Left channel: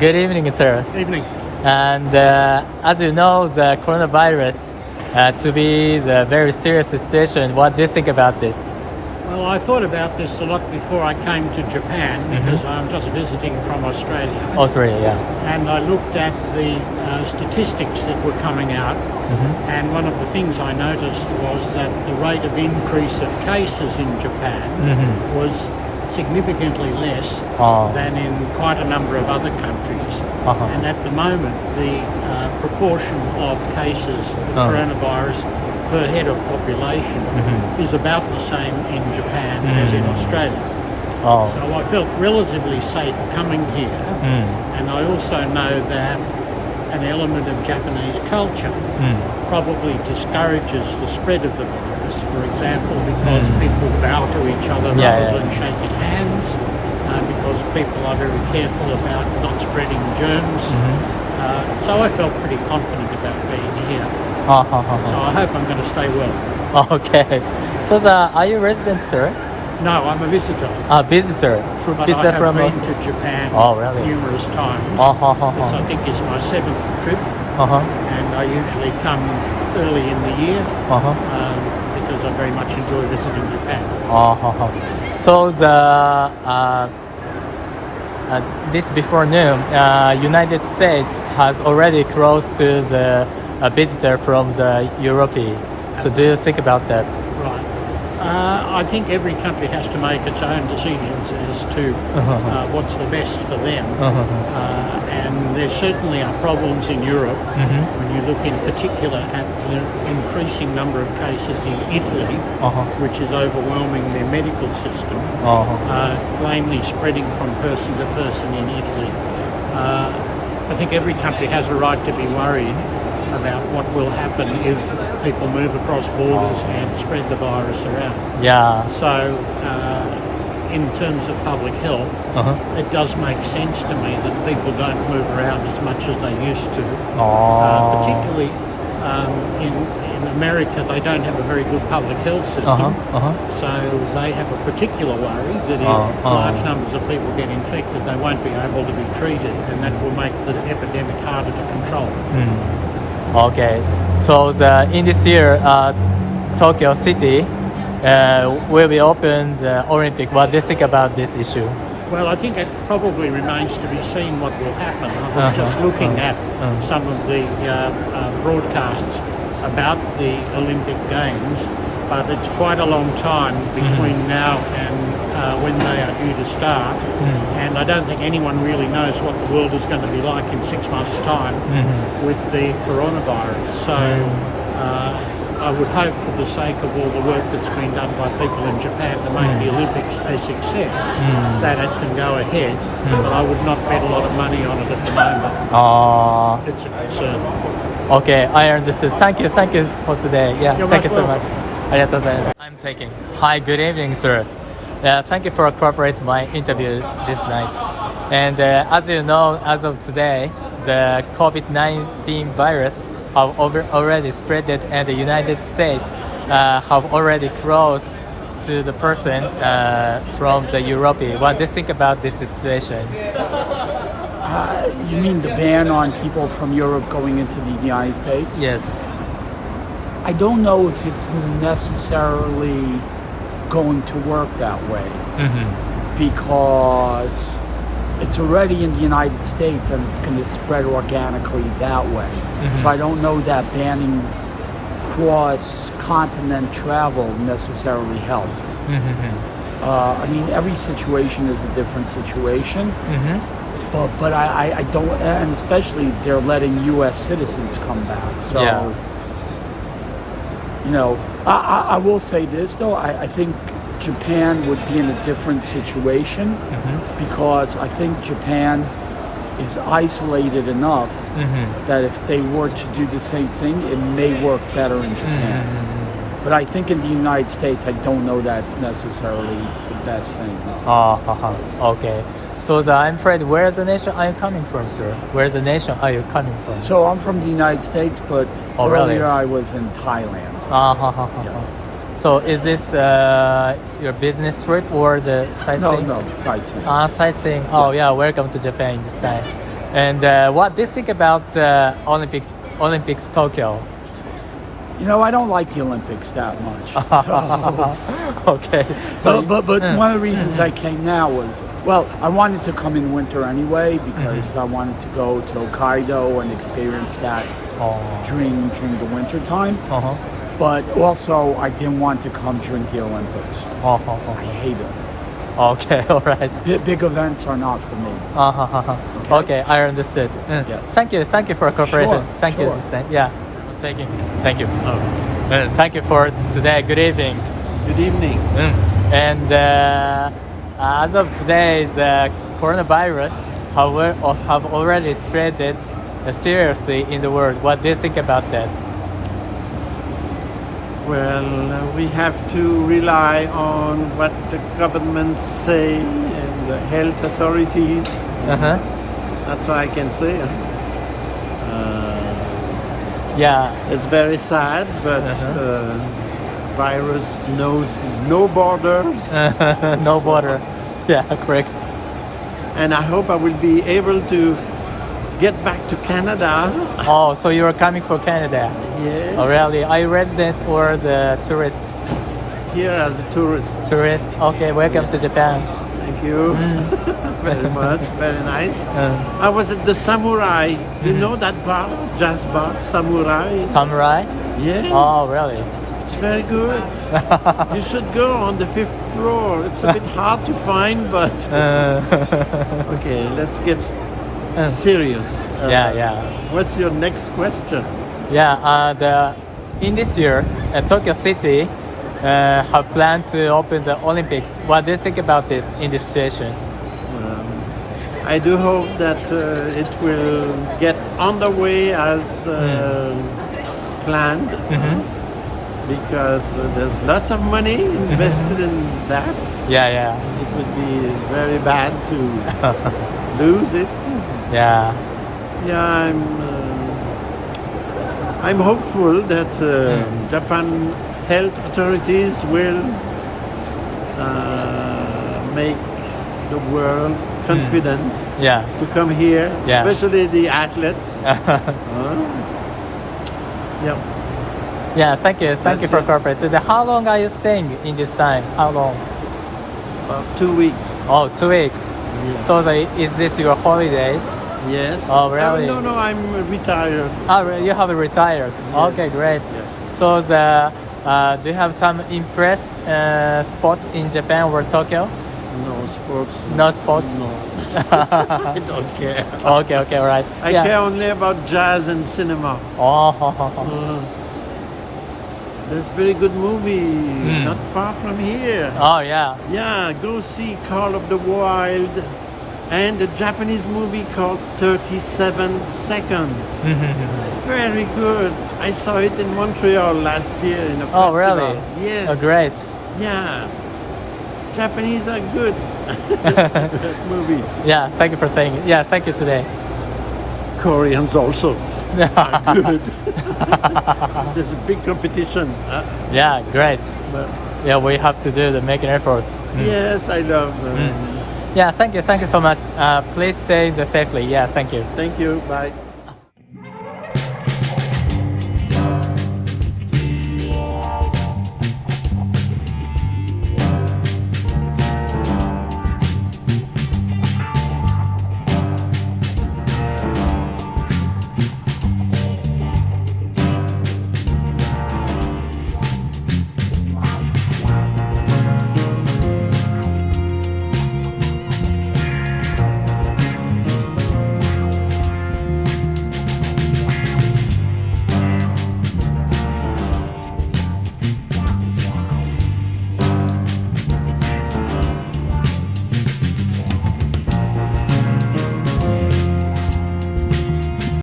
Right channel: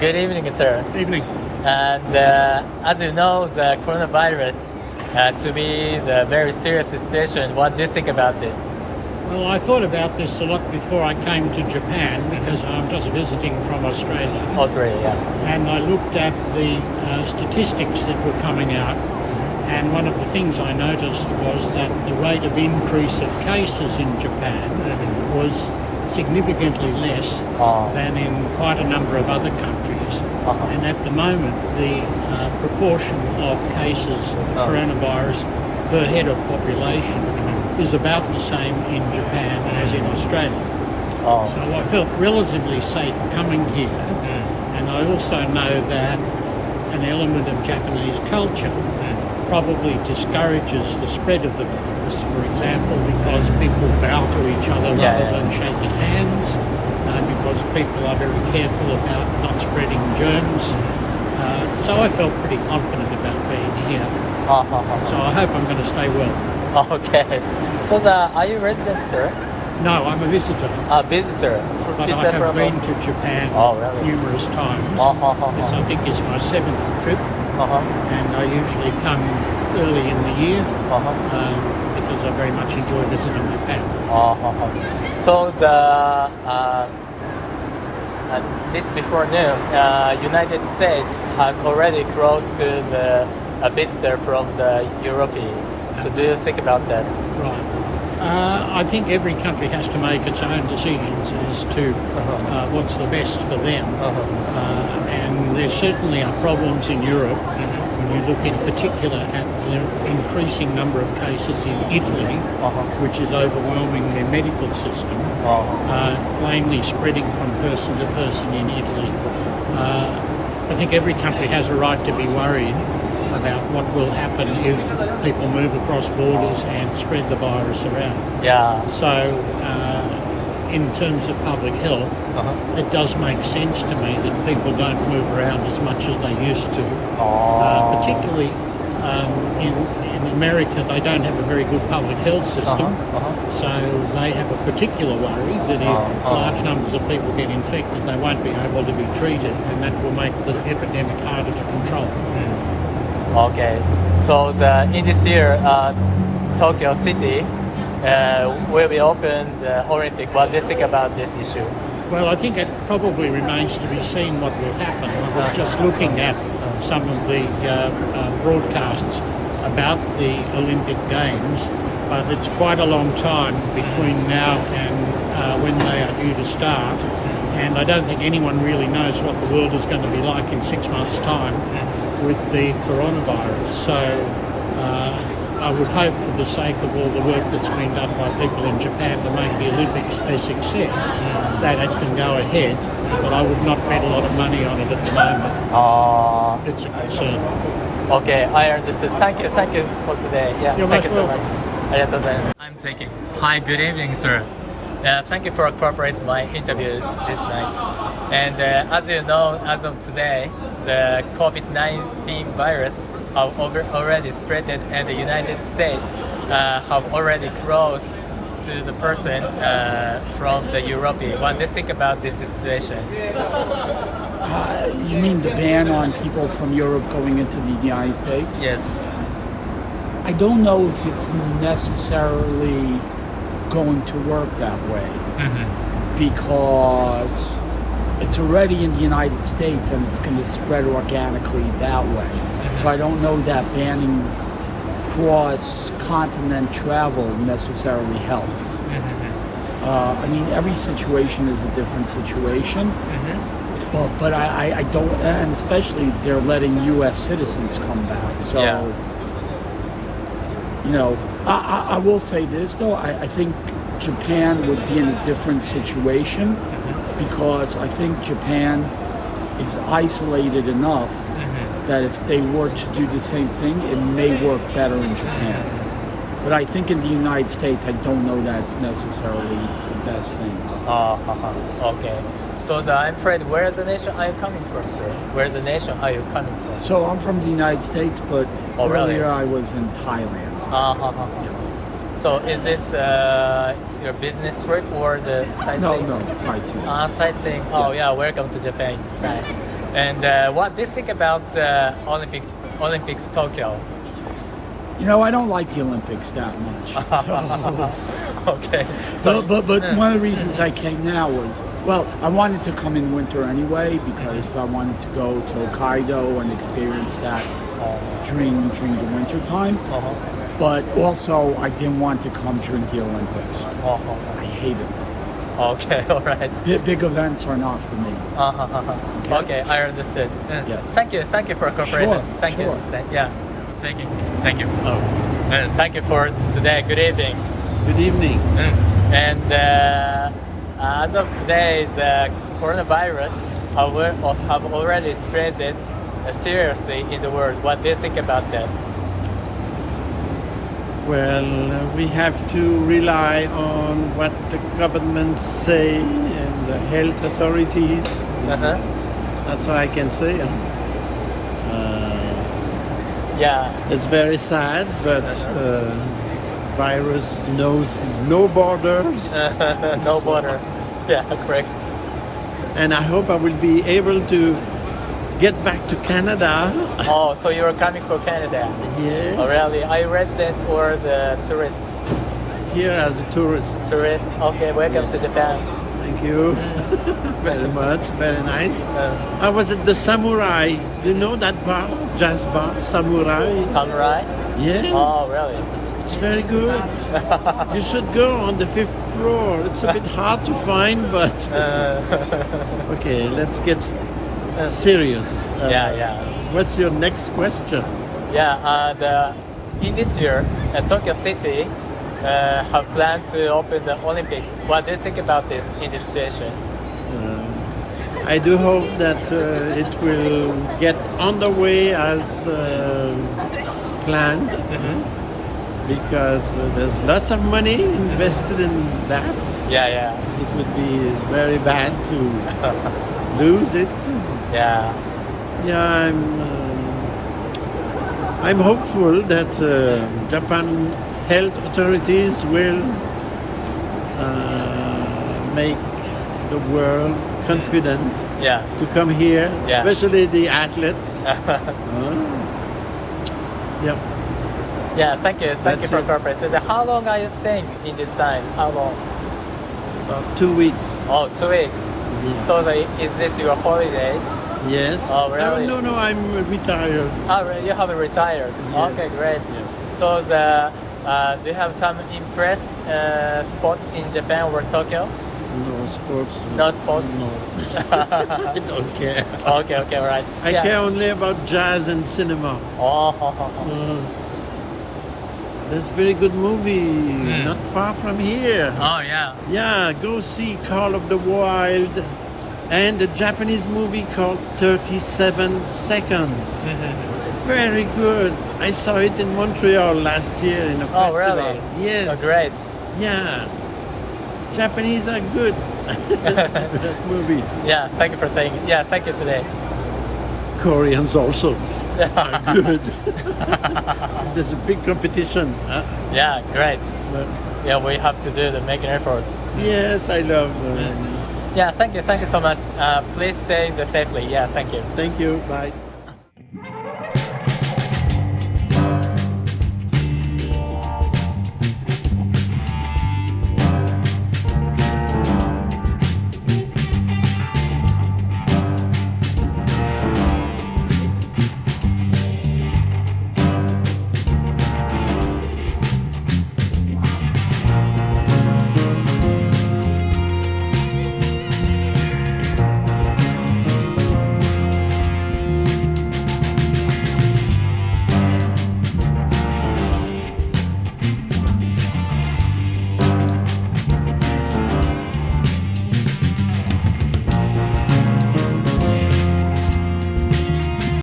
Good evening, sir. Evening. And as you know, the coronavirus to be the very serious situation. What do you think about it? Well, I thought about this a lot before I came to Japan because I'm just visiting from Australia. Australia, yeah. And I looked at the statistics that were coming out, and one of the things I noticed was that the rate of increase of cases in Japan was significantly less than in quite a number of other countries. And at the moment, the proportion of cases of coronavirus per head of population is about the same in Japan as in Australia. So I felt relatively safe coming here, and I also know that an element of Japanese culture probably discourages the spread of the virus, for example, because people bow to each other rather than shaking hands, because people are very careful about not spreading germs. So I felt pretty confident about being here. So I hope I'm going to stay well. Okay. So are you a resident, sir? No, I'm a visitor. A visitor. But I have been to Japan numerous times. This, I think, is my 7th trip. And I usually come early in the year because I very much enjoy visiting Japan. So this before noon, United States has already closed to a visitor from the Europe. So do you think about that? Right. I think every country has to make its own decisions as to what's the best for them. And there certainly are problems in Europe. When you look in particular at the increasing number of cases in Italy, which is overwhelming their medical system, plainly spreading from person to person in Italy. I think every country has a right to be worried about what will happen if people move across borders and spread the virus around. So in terms of public health, it does make sense to me that people don't move around as much as they used to. Particularly in America, they don't have a very good public health system. So they have a particular worry that if large numbers of people get infected, they won't be able to be treated, and that will make the epidemic harder to control. Okay, so in this year, Tokyo City will be open the Olympic. What do you think about this issue? Well, I think it probably remains to be seen what will happen. I was just looking at some of the broadcasts about the Olympic Games, but it's quite a long time between now and when they are due to start. And I don't think anyone really knows what the world is going to be like in 6 months' time with the coronavirus. So I would hope, for the sake of all the work that's been done by people in Japan to make the Olympics a success, that it can go ahead. But I would not bet a lot of money on it at the moment. It's a concern. Okay, I understand. Thank you for today. You're most welcome. I'm taking. Hi, good evening, sir. Thank you for cooperating my interview this night. And as you know, as of today, the COVID-19 virus have already spread, and the United States have already closed to the person from the Europe. What do you think about this situation? You mean the ban on people from Europe going into the United States? Yes. I don't know if it's necessarily going to work that way because it's already in the United States and it's going to spread organically that way. So I don't know that banning cross-continent travel necessarily helps. I mean, every situation is a different situation, but I don't, and especially they're letting U.S. citizens come back. So, you know, I will say this though, I think Japan would be in a different situation because I think Japan is isolated enough that if they were to do the same thing, it may work better in Japan. But I think in the United States, I don't know that's necessarily the best thing. Okay. So I'm afraid, where's the nation are you coming from, sir? Where's the nation are you coming from? So I'm from the United States, but earlier really? I was in Thailand. Yes. So is this your business trip or the sightseeing? No, sightseeing. Sightseeing. Oh, yes. Yeah, welcome to Japan this time. And what do you think about Olympics Tokyo? You know, I don't like the Olympics that much. So, Okay. So but one of the reasons I came now was, well, I wanted to come in winter anyway because I wanted to go to Hokkaido and experience that during the winter time. But also, I didn't want to come during the Olympics. I hate it. Okay, all right. Big events are not for me. Okay, I understood. Yes. Thank you for cooperation. Sure, Thank sure. you. Yeah. Thank you. Thank you for today. Good evening. Good evening. And as of today, the coronavirus have already spread it seriously in the world. What do you think about that? Well, we have to rely on what the governments say and the health authorities. That's all I can say. Yeah. It's very sad, but virus knows no borders. No border. Yeah, correct. And I hope I will be able to get back to Canada. Oh, so you are coming for Canada? Yes. Oh, really? Are you resident or the tourist? Here as a tourist. Tourist. Okay, welcome to Japan. Thank you very much. Very nice. I was at the Samurai. You know that bar, jazz bar, Samurai? Samurai? Yes. Oh, really? It's very good. You should go on the 5th floor. It's a bit hard to find, but okay. Let's get serious. What's your next question? Yeah. In this year, Tokyo City have planned to open the Olympics. What do you think about this in this situation? I do hope that it will get underway as planned, because there's lots of money invested in that. Yeah. It would be very bad to lose it. Yeah. Yeah, I'm hopeful that Japan health authorities will make the world confident to come here, especially the athletes. Yeah, thank you for cooperating. How long are you staying in this time? How long? About 2 weeks. Oh, 2 weeks. Yeah. So is this your holidays? Yes. Oh, really? No, I'm retired. Oh, really? You have retired. Yes. Okay, great. Yes. So do you have some impressed spot in Japan or Tokyo? No sports. No sports? No. I don't care. Okay, all right. I care only about jazz and cinema. There's very good movie not far from here. Oh, yeah. Yeah, go see Call of the Wild and a Japanese movie called 37 Seconds. Very good. I saw it in Montreal last year in a festival. Really? Yes. Oh, great. Yeah. Japanese are good movies. Yeah, thank you for saying it. Yeah, thank you today. Koreans also are good. There's a big competition. Yeah, great. But Yeah, we have to make an effort. yes, I love. Yeah, thank you so much. Please stay safely. Yeah, thank you. Thank you. Bye.